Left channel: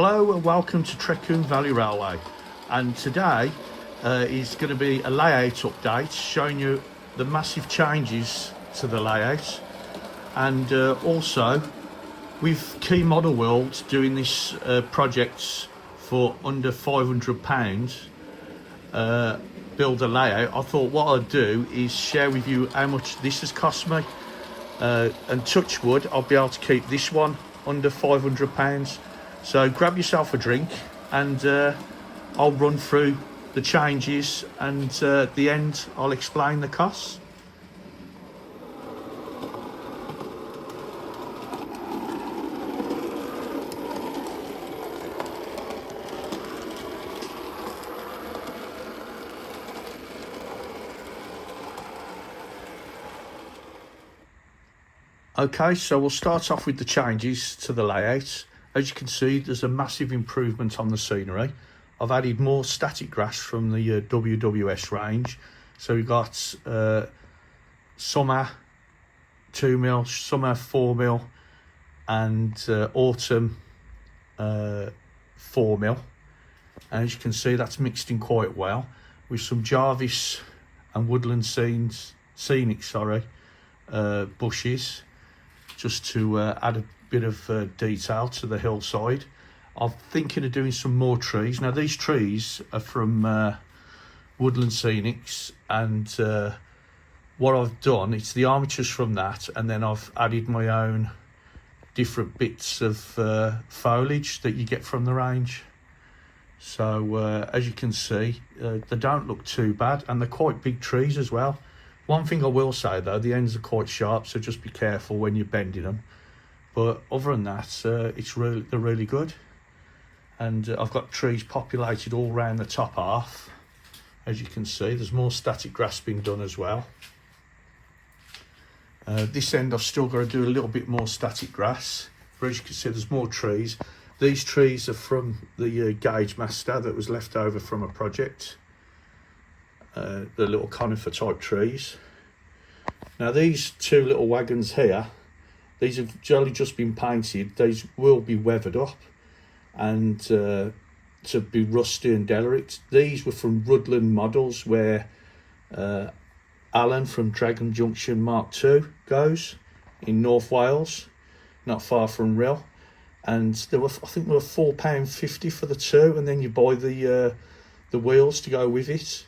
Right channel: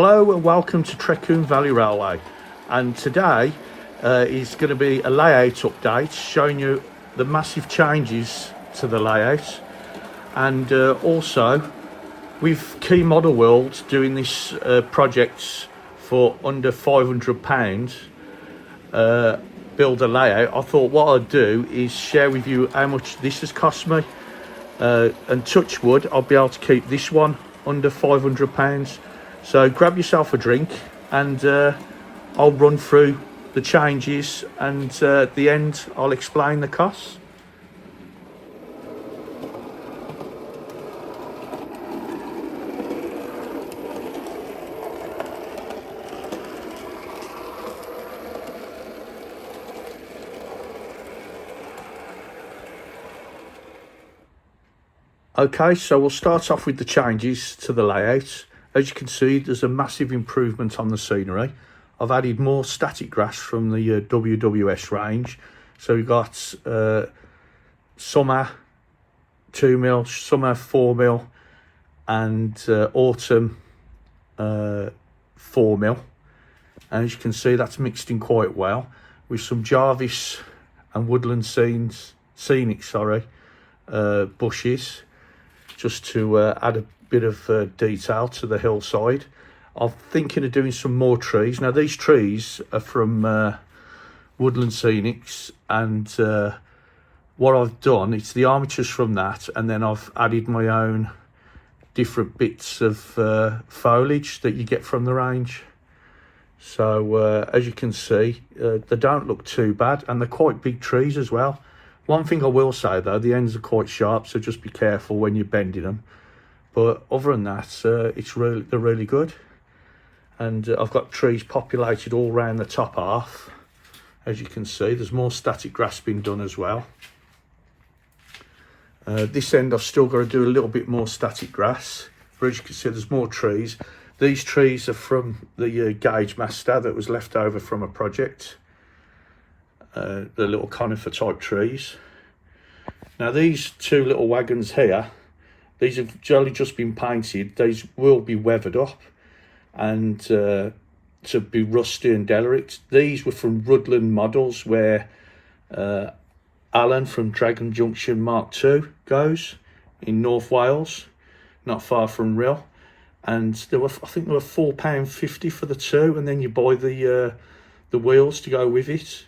Hello and welcome to Trecwn Valley Railway, and today is going to be a layout update showing you the massive changes to the layout, and also with Key Model World doing this projects for under £500 build a layout. I thought what I'd do is share with you how much this has cost me, and touch wood I'll be able to keep this one under £500. So grab yourself a drink and I'll run through the changes, and at the end I'll explain the costs. Okay, so we'll start off with the changes to the layout. As you can see, there's a massive improvement on the scenery. I've added more static grass from the WWS range. So we've got summer 2mm, summer 4mm, and autumn 4mm. And as you can see, that's mixed in quite well with some Jarvis and woodland scenic bushes, just to add a bit of detail to the hillside. I'm thinking of doing some more trees. Now these trees are from Woodland Scenics, and what I've done, it's the armatures from that, and then I've added my own different bits of foliage that you get from the range. So as you can see, they don't look too bad, and they're quite big trees as well. One thing I will say though, the ends are quite sharp, so just be careful when you're bending them. But other than that, they're really good. And I've got trees populated all around the top half. As you can see, there's more static grass being done as well. This end I've still got to do a little bit more static grass. But as you can see, there's more trees. These trees are from the gauge master that was left over from a project. The little conifer type trees. Now these two little wagons here, these have only just been painted. These will be weathered up and to be rusty and derelict. These were from Rutland Models, where Alan from Dragon Junction Mark II goes in North Wales, not far from Rhyl. And I think they were £4.50 for the two, and then you buy the wheels to go with it.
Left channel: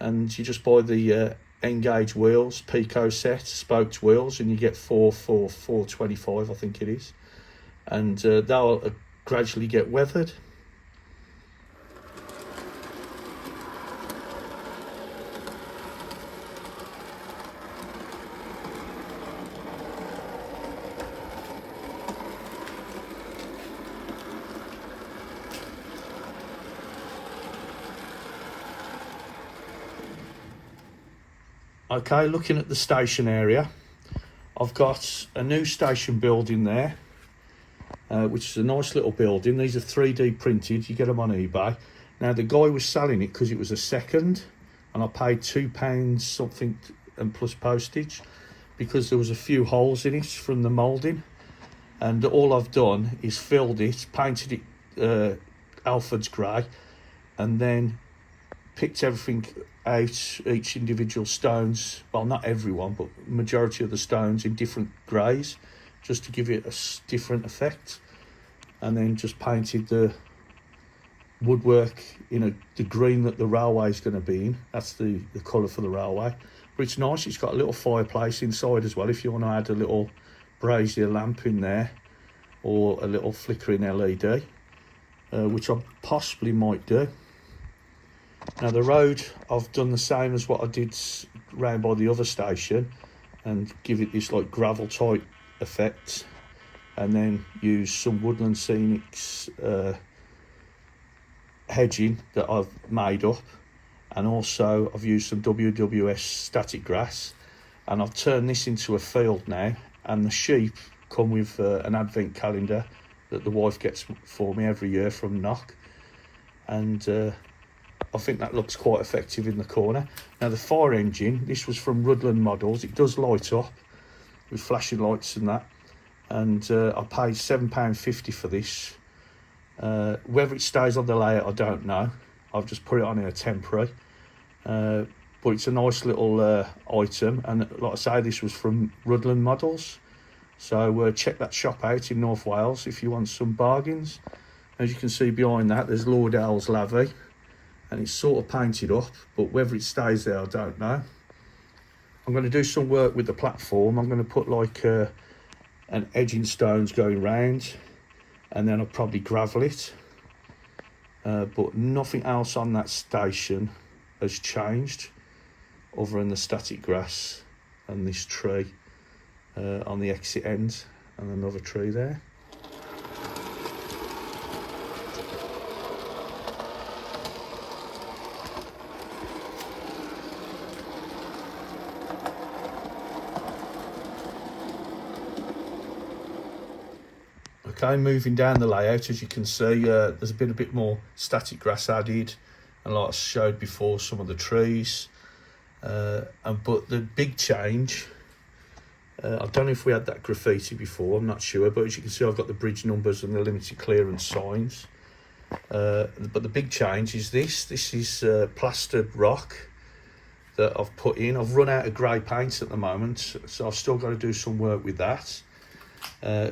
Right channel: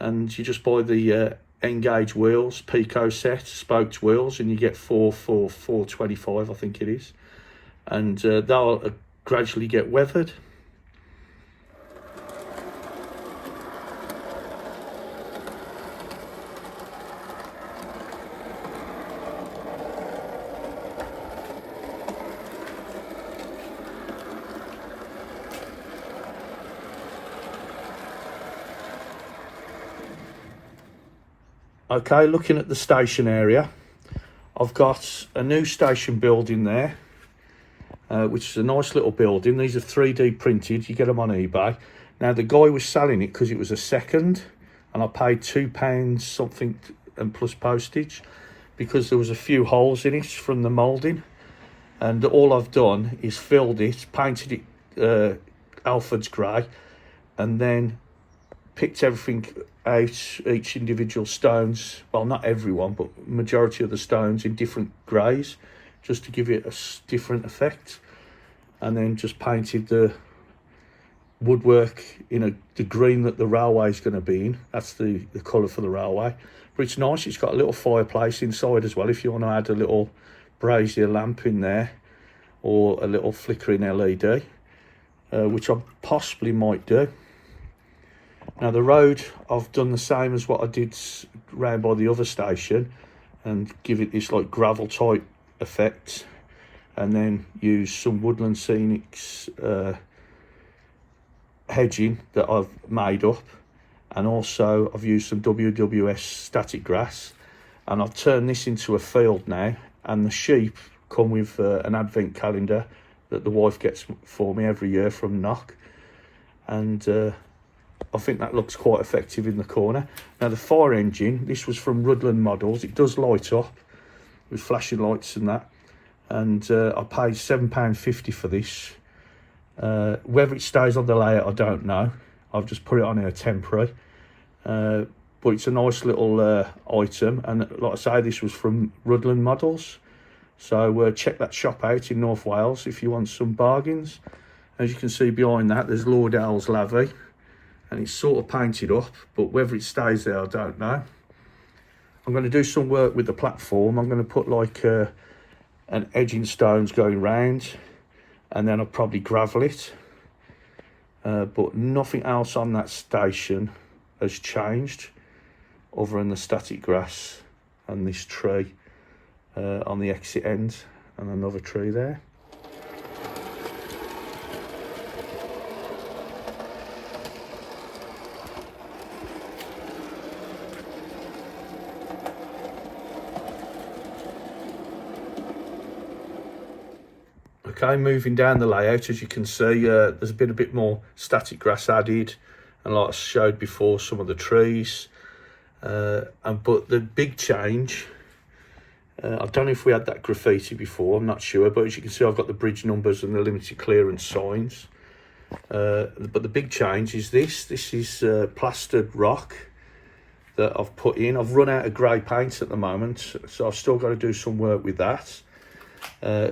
And you just buy the N-gauge wheels, Pico set, spoked wheels, and you get £4.25, I think it is. And they'll gradually get weathered. Okay, looking at the station area, I've got a new station building there, which is a nice little building. These are 3D printed, you get them on eBay. Now the guy was selling it because it was a second, and I paid £2 something and plus postage, because there was a few holes in it from the moulding. And all I've done is filled it, painted it Alfred's grey, and then picked everything out, each individual stones, well not everyone, but majority of the stones in different greys, just to give it a different effect. And then just painted the woodwork in the green that the railway is going to be in. That's the colour for the railway. But it's nice, it's got a little fireplace inside as well, if you want to add a little brazier lamp in there, or a little flickering LED, which I possibly might do. Now the road, I've done the same as what I did round by the other station, and give it this like gravel type effect, and then use some Woodland Scenics hedging that I've made up, and also I've used some WWS static grass, and I've turned this into a field now. And the sheep come with an advent calendar that the wife gets for me every year from Knock, and I think that looks quite effective in the corner. Now the fire engine, this was from Rutland Models. It does light up with flashing lights and that, and I paid £7.50 for this. Whether it stays on the layout I don't know. I've just put it on here temporary, but it's a nice little item, and like I say, this was from Rudland Models, so check that shop out in North Wales if you want some bargains. As you can see behind that, there's Lord Owl's Lavy, and it's sort of painted up, but whether it stays there I don't know. I'm going to do some work with the platform. I'm going to put like an edging stones going round, and then I'll probably gravel it, but nothing else on that station has changed other than the static grass and this tree on the exit end, and another tree there. Okay, moving down the layout, as you can see, there's been a bit more static grass added, and like I showed before, some of the trees. But the big change, I don't know if we had that graffiti before, I'm not sure, but as you can see, I've got the bridge numbers and the limited clearance signs. But the big change is this is plastered rock that I've put in. I've run out of grey paint at the moment, so I've still got to do some work with that.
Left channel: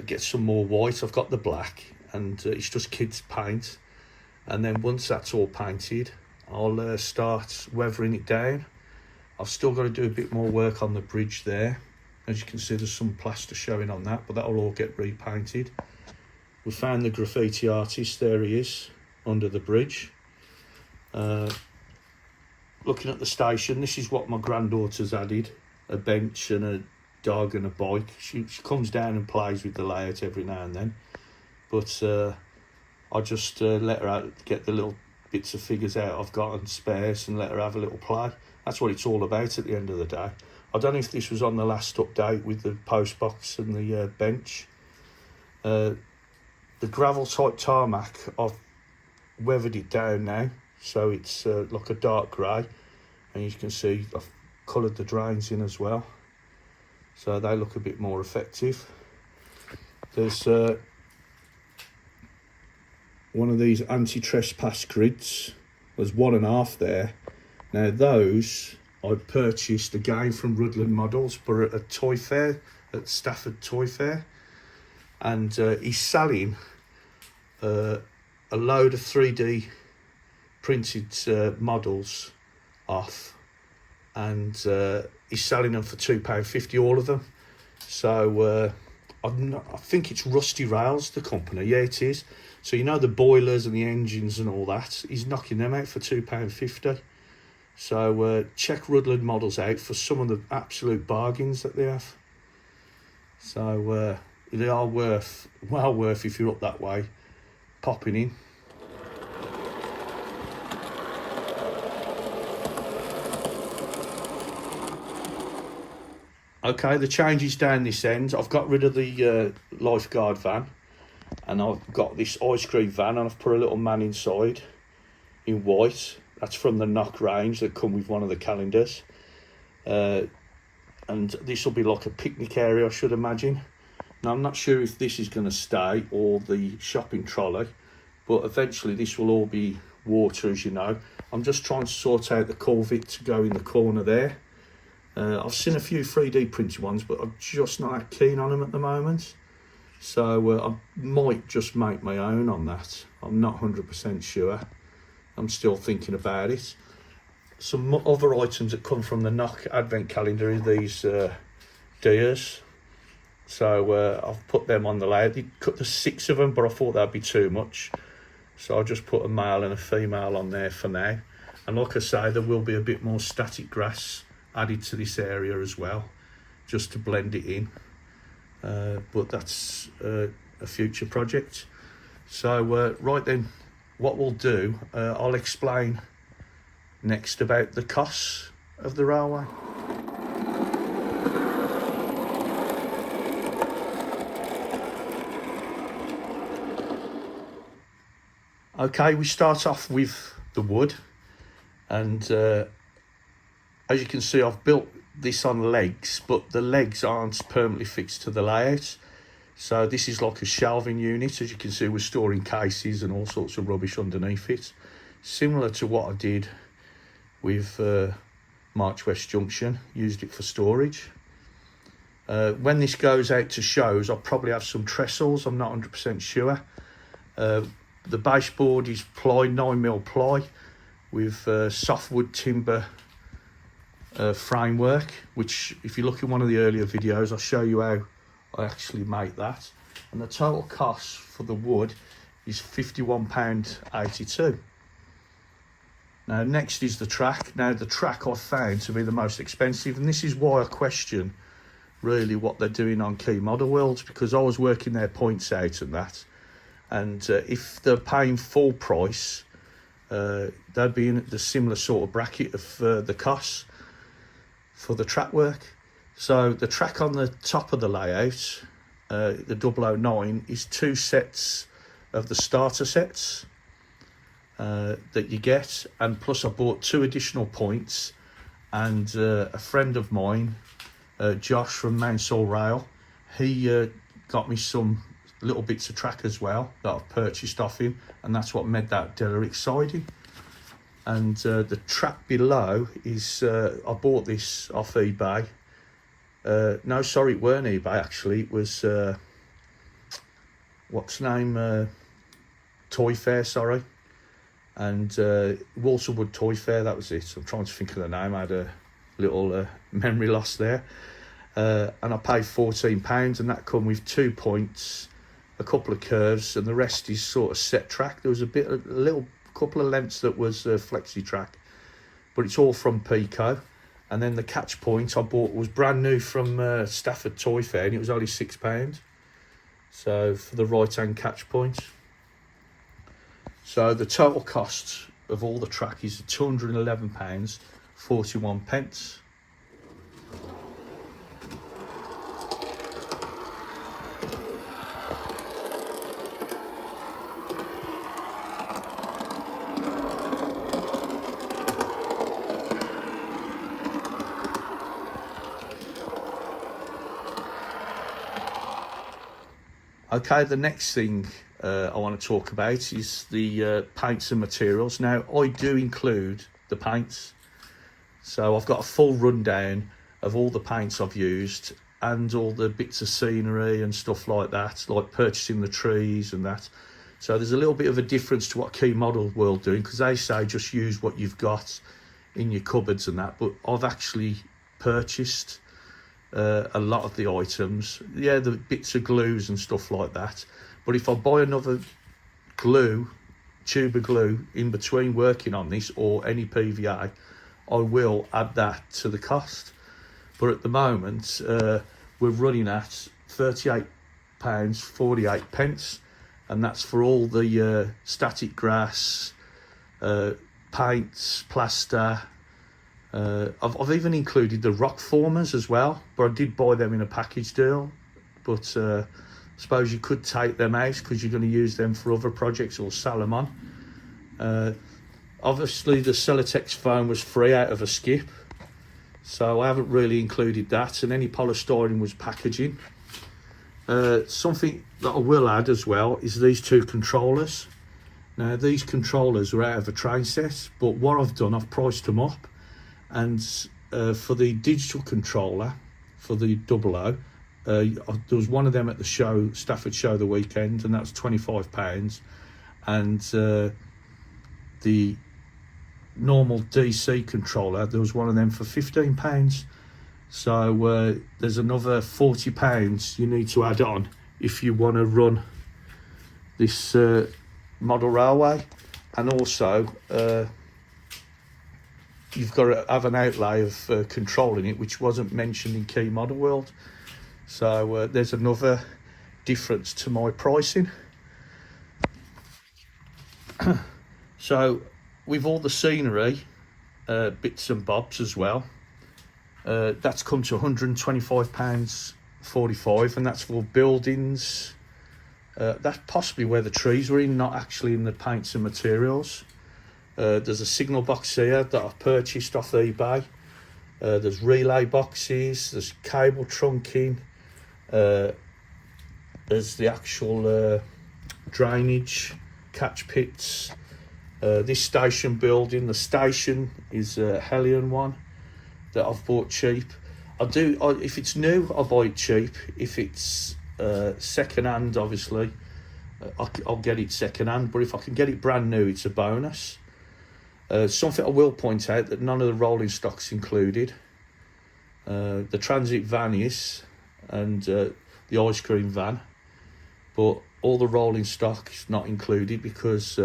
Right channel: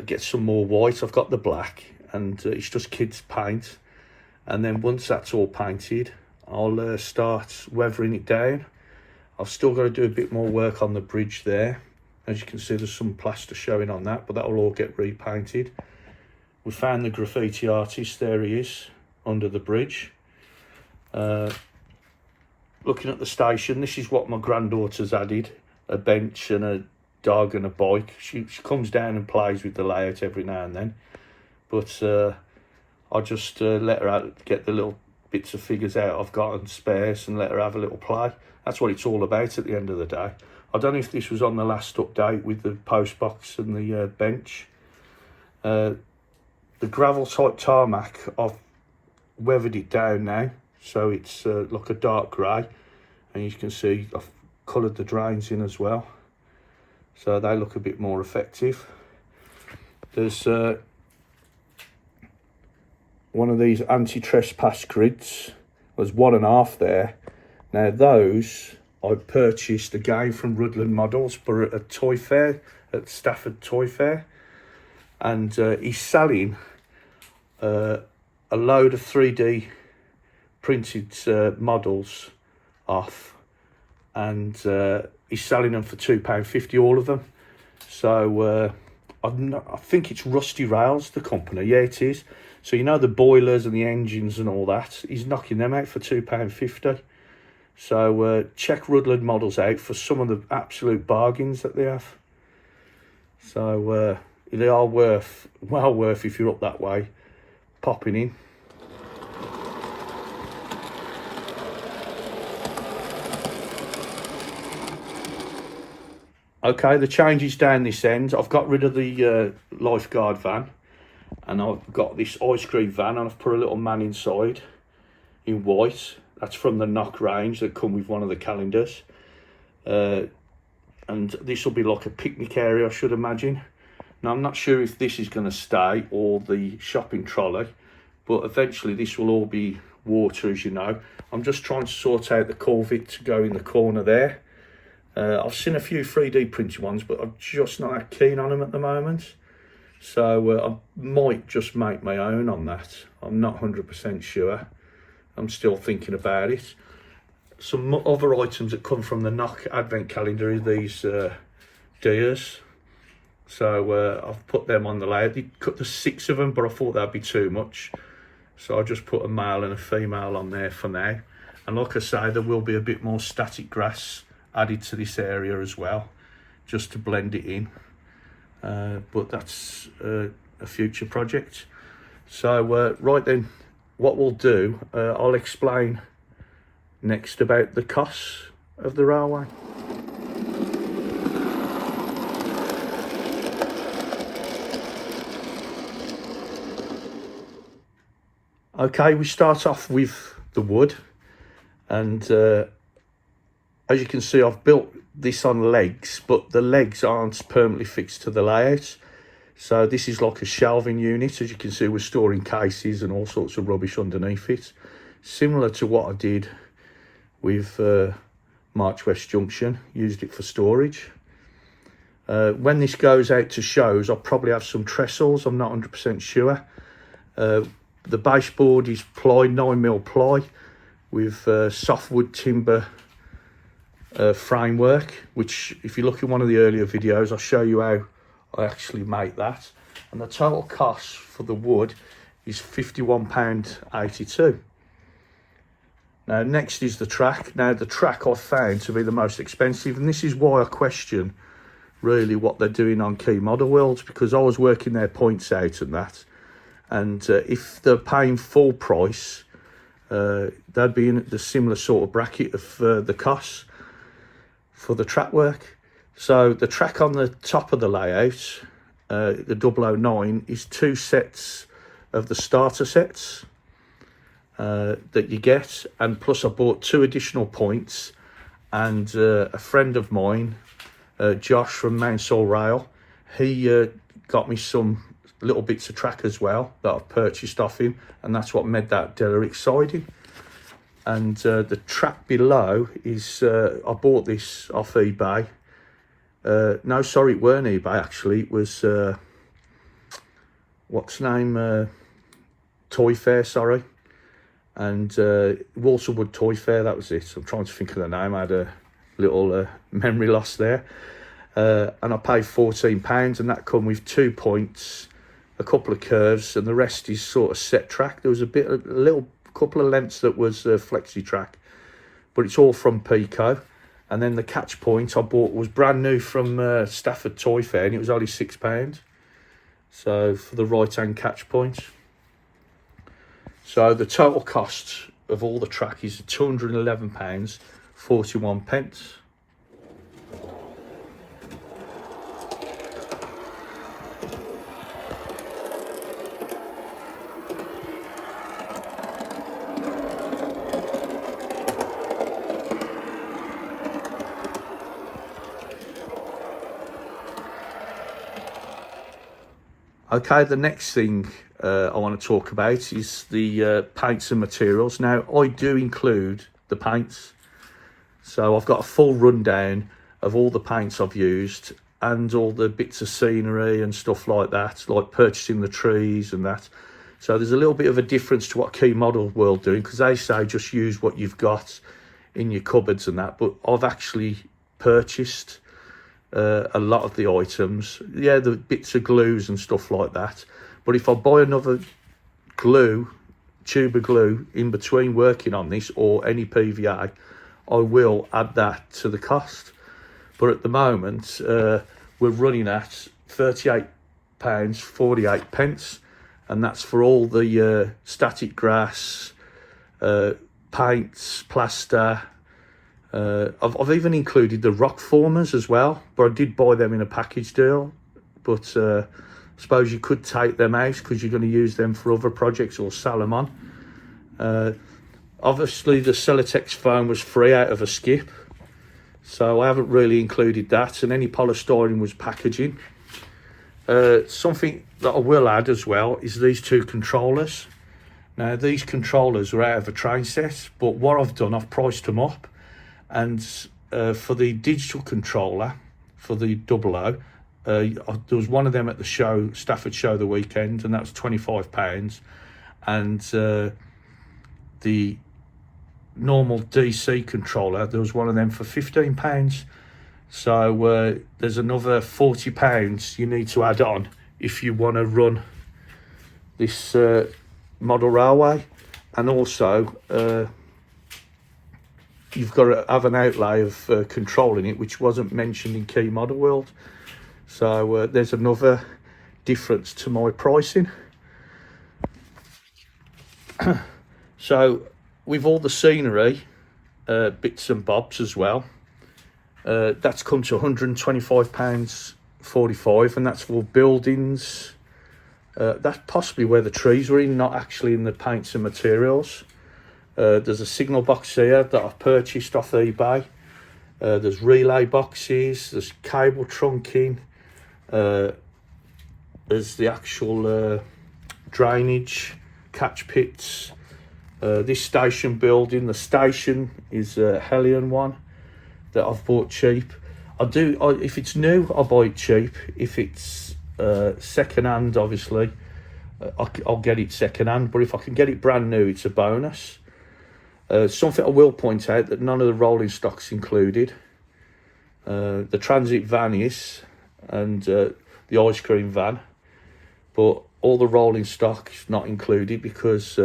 Get some more white. I've got the black, and it's just kids paint, and then once that's all painted, I'll start weathering it down. I've still got to do a bit more work on the bridge there. As you can see, there's some plaster showing on that, but that will all get repainted. We found the graffiti artist. There he is under the bridge. Looking at the station, this is what my granddaughter's added: a bench and a dog and a bike. She comes down and plays with the layout every now and then, but I just let her out, get the little bits of figures out I've got and spares, and let her have a little play. That's what it's all about at the end of the day. I don't know if this was on the last update with the post box and the bench. The gravel type tarmac, I've weathered it down now, so it's like a dark grey, and you can see I've coloured the drains in as well, so they look a bit more effective. There's one of these anti-trespass grids. There's 1.5 there. Now those I purchased again from Rudland Models for a toy fair at Stafford Toy Fair, and he's selling a load of 3D printed models off, and he's selling them for £2.50 all of them. So I think it's Rusty Rails, the company. Yeah, it is. So you know the boilers and the engines and all that, he's knocking them out for £2.50. So check Rudland Models out for some of the absolute bargains that they have. So they are well worth if you're up that way, popping in. Okay, the changes down this end. I've got rid of the lifeguard van, and I've got this ice cream van, and I've put a little man inside in white. That's from the Knock range that come with one of the calendars. And this will be like a picnic area, I should imagine. Now, I'm not sure if this is going to stay or the shopping trolley, but eventually this will all be water, as you know. I'm just trying to sort out the culvert to go in the corner there. I've seen a few 3D printed ones, but I'm just not that keen on them at the moment. So I might just make my own on that. I'm not 100% sure. I'm still thinking about it. Some other items that come from the Knock advent calendar are these deers. So I've put them on the layout. They cut the 6 of them, but I thought that'd be too much. So I just put a male and a female on there for now. And like I say, there will be a bit more static grass added to this area as well, just to blend it in. But that's a future project. So right then, what we'll do, I'll explain next about the costs of the railway. Okay, we start off with the wood, and as you can see, I've built this on legs, but the legs aren't permanently fixed to the layout. So this is like a shelving unit. As you can see, we're storing cases and all sorts of rubbish underneath it, similar to what I did with March West Junction. Used it for storage. When this goes out to shows, I'll probably have some trestles, I'm not 100% sure. The baseboard is ply, 9mm ply, with softwood timber framework, which if you look in one of the earlier videos, I'll show you how I actually make that. And the total cost for the wood is £51.82. Now next is the track. Now the track I've found to be the most expensive, and this is why I question really what they're doing on Key Model Worlds, because I was working their points out and that, and if they're paying full price, they'd be in the similar sort of bracket of the costs for the track work. So the track on the top of the layout, the OO9, is 2 sets of the starter sets that you get, and plus I bought 2 additional points, and a friend of mine, Josh from Mounsell Rail, he got me some little bits of track as well that I've purchased off him, and that's what made that derelict siding. And the track below is, I bought this off eBay. No, sorry, it weren't eBay actually, it was, what's the name, Toy Fair, sorry. And Walterwood Toy Fair, that was it. I'm trying to think of the name, I had a little memory loss there. And I paid £14, and that come with 2 points, a couple of curves, and the rest is sort of set track. There was a little couple of lengths that was flexi track, but it's all from Pico. And then the catch point I bought was brand new from Stafford Toy Fair, and it was only £6. So for the right hand catch point. So the total cost of all the track is £211.41. Okay, the next thing I want to talk about is the paints and materials. Now, I do include the paints, so I've got a full rundown of all the paints I've used and all the bits of scenery and stuff like that, like purchasing the trees and that. So there's a little bit of a difference to what Key Model World doing, because they say just use what you've got in your cupboards and that, but I've actually purchased a lot of the items. Yeah, the bits of glues and stuff like that, but if I buy another tube of glue in between working on this, or any PVA, I will add that to the cost. But at the moment we're running at £38.48, and that's for all the static grass, paints, plaster. I've even included the rock formers as well, but I did buy them in a package deal. But I suppose you could take them out because you're going to use them for other projects or sell them on. Obviously the Celotex foam was free out of a skip, so I haven't really included that, and any polystyrene was packaging. Something that I will add as well is these 2 controllers. Now these controllers are out of a train set, but what I've done, I've priced them up. And for the digital controller, for the 00, there was one of them at the show, Stafford show the weekend, and that was £25. And the normal DC controller, there was one of them for £15. So there's another £40 you need to add on if you want to run this model railway. And also you've got to have an outlay of controlling it, which wasn't mentioned in Key Model World. So there's another difference to my pricing. So with all the scenery, bits and bobs as well, that's come to £125.45, and that's for buildings. That's possibly where the trees were in, not actually in the paints and materials. There's a signal box here that I've purchased off eBay. There's relay boxes, there's cable trunking, as the actual drainage, catch pits. This station building, the station is a Hellion one that I've bought cheap. If it's new, I buy it cheap. If it's second hand, obviously, I'll get it second hand. But if I can get it brand new, it's a bonus. Something I will point out, that none of the rolling stock's included. The transit van is, and the ice cream van, but all the rolling stock is not included, because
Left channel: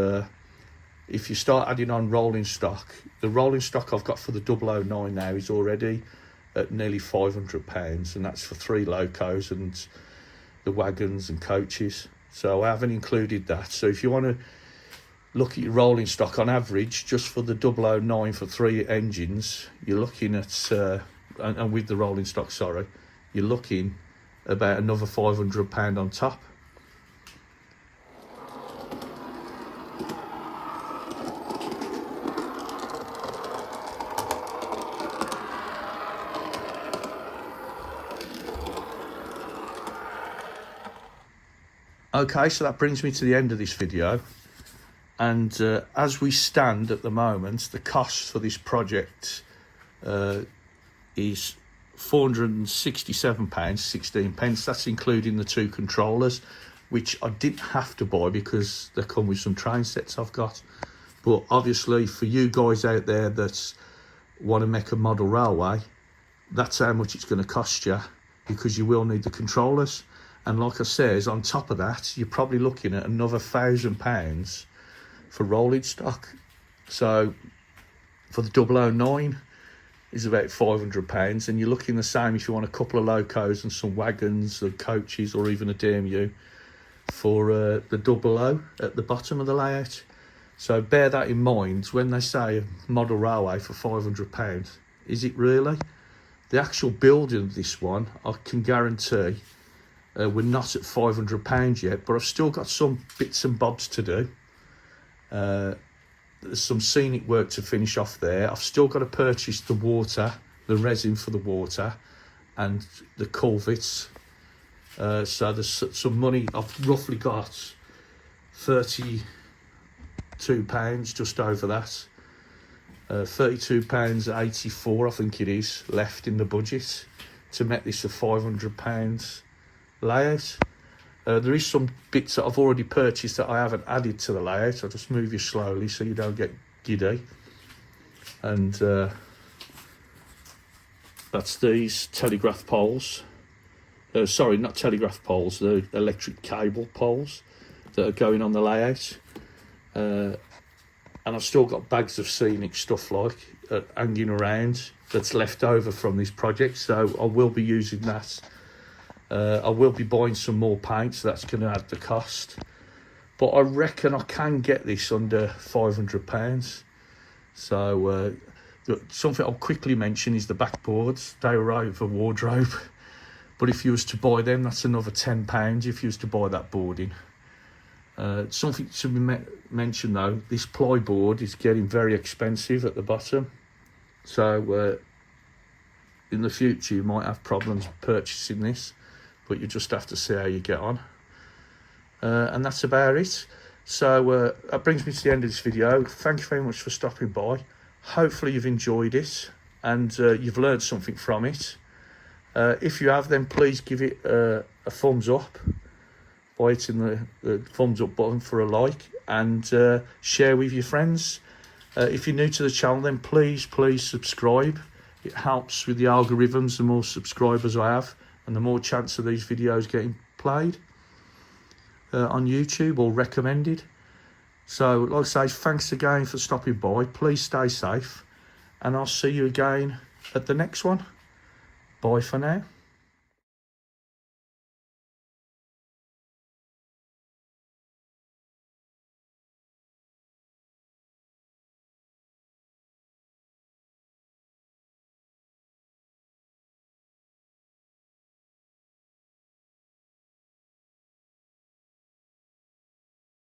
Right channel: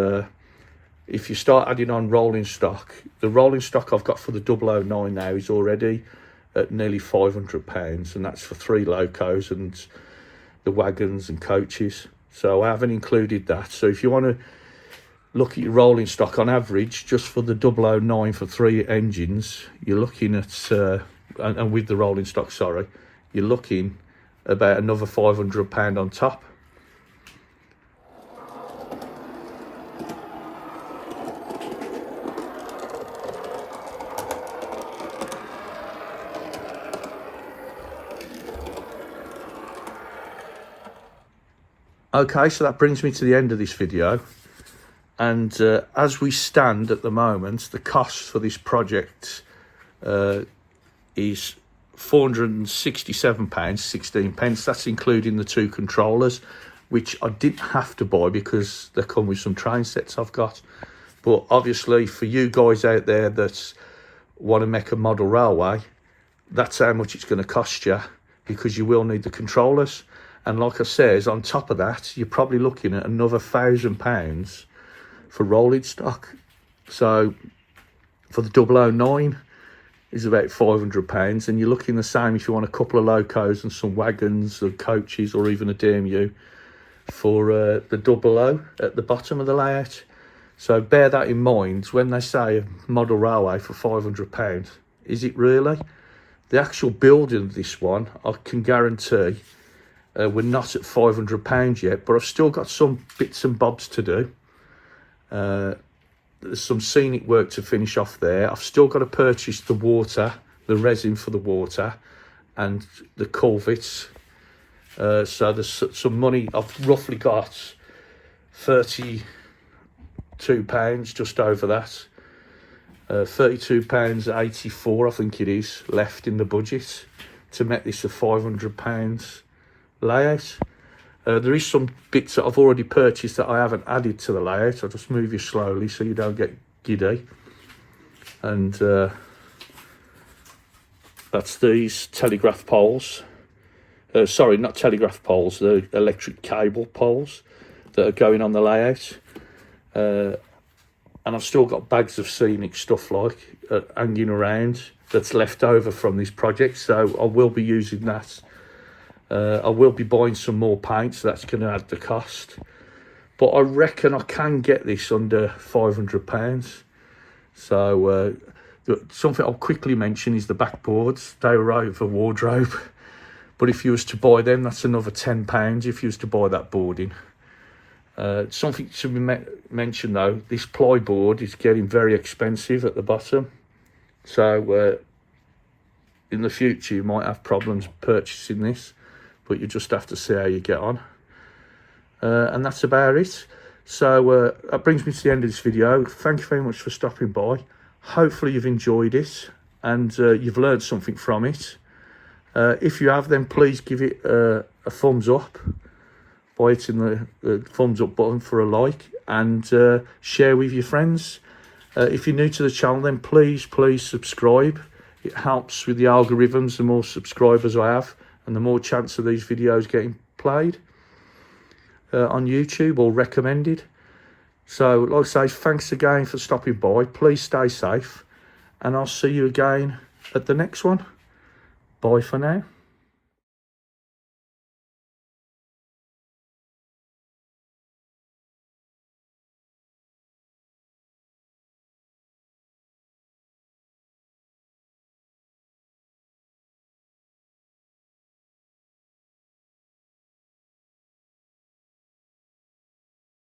if you start adding on rolling stock, the rolling stock I've got for the OO9 now is already at nearly £500, and that's for 3 locos and the wagons and coaches. So I haven't included that. So if you want to look at your rolling stock, on average, just for the OO9 for 3 engines, you're looking at, and with the rolling stock, sorry, you're looking about another £500 on top. Okay, so that brings me to the end of this video, and as we stand at the moment, the cost for this project is £467.16. That's including the 2 controllers, which I didn't have to buy because they come with some train sets I've got. But obviously, for you guys out there that want to make a model railway, that's how much it's going to cost you, because you will need the controllers. And like I says, on top of that, you're probably looking at another £1,000 for rolling stock. So for the OO9 is about £500, and you're looking the same if you want a couple of locos and some wagons or coaches, or even a DMU for the 00 at the bottom of the layout. So bear that in mind when they say a model railway for £500. Is it really? The actual building of this one, I can guarantee, we're not at £500 yet, but I've still got some bits and bobs to do. There's some scenic work to finish off there. I've still got to purchase the water, the resin for the water, and the culverts. So there's some money. I've roughly got £32, just over that. £32.84, I think it is, left in the budget to make this a £500 layout. There is some bits that I've already purchased that I haven't added to the layout. I'll just move you slowly so you don't get giddy. And that's these telegraph poles. Sorry, not telegraph poles, the electric cable poles that are going on the layout. And I've still got bags of scenic stuff like hanging around that's left over from this project, so I will be using that. I will be buying some more paint, so that's going to add the cost. But I reckon I can get this under £500. So something I'll quickly mention is the backboards. They were over wardrobe. But if you was to buy them, that's another £10 if you was to buy that boarding. Something to be mentioned though, this plyboard is getting very expensive at the bottom. So in the future you might have problems purchasing this, but you just have to see how you get on. And that's about it. So that brings me to the end of this video. Thank you very much for stopping by. Hopefully you've enjoyed it and you've learned something from it. If you have, then please give it a thumbs up by hitting the thumbs up button for a like, and share with your friends. If you're new to the channel, then please subscribe. It helps with the algorithms. The more subscribers I have, and the more chance of these videos getting played on YouTube or recommended. So like I say, thanks again for stopping by. Please stay safe, and I'll see you again at the next one. Bye for now.